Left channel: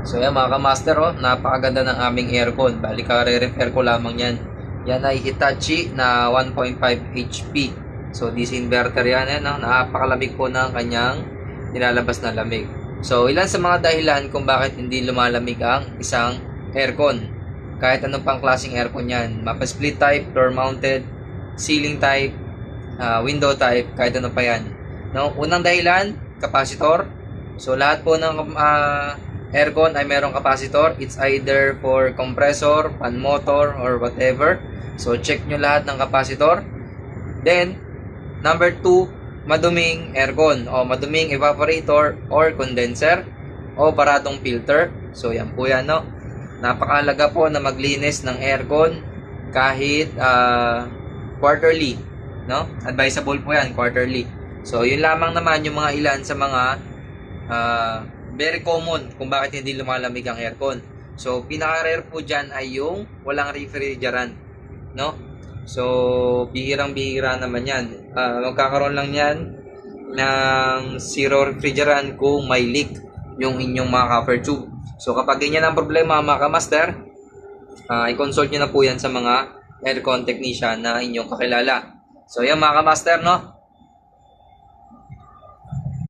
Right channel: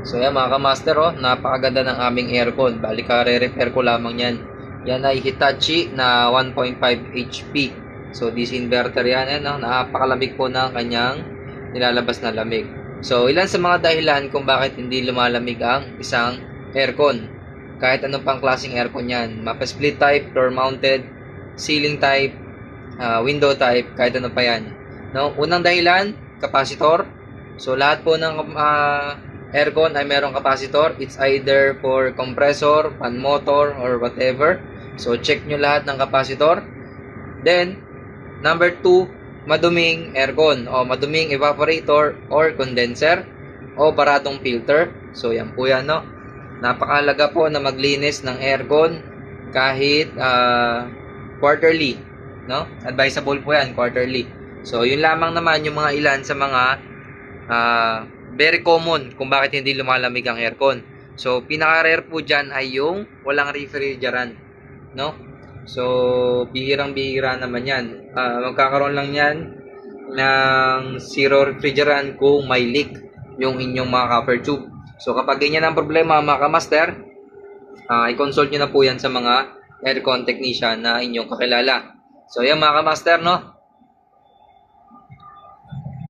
So yan mga kamaster, oh, napakaganda ng aming aircon. Bali ka-repair ko lamang yan. Yan ay Hitachi na 1.5 HP. So this inverter yan, no? Napakalamig po ng kanyang nilalabas na lamig. So ilan sa mga dahilan kung bakit hindi lumalamig ang isang aircon. Kahit anong pang klaseng aircon yan. Mapa-split type, door mounted, ceiling type, window type, kahit ano pa yan. No? Unang dahilan, capacitor. So lahat po ng aircon ay merong capacitor. It's either for compressor, fan motor, or whatever. So check nyo lahat ng capacitor. Then, number 2, maduming aircon o maduming evaporator or condenser o baradong filter. So yan po yan, no? Napakahalaga po na maglinis ng aircon kahit quarterly, no? Advisable po yan, quarterly. So yun lamang naman yung mga ilan sa mga very common kung bakit hindi lumalamig ang aircon. So pinaka-rare po dyan ay yung walang refrigerant, no? So bihirang-bihira naman yan. Magkakaroon lang yan ng zero refrigerant kung may leak yung inyong mga copper tube. So kapag ganyan ang problema mga kamaster, i-consult nyo na po yan sa mga aircon technician na inyong kakilala. So yan mga kamaster, no?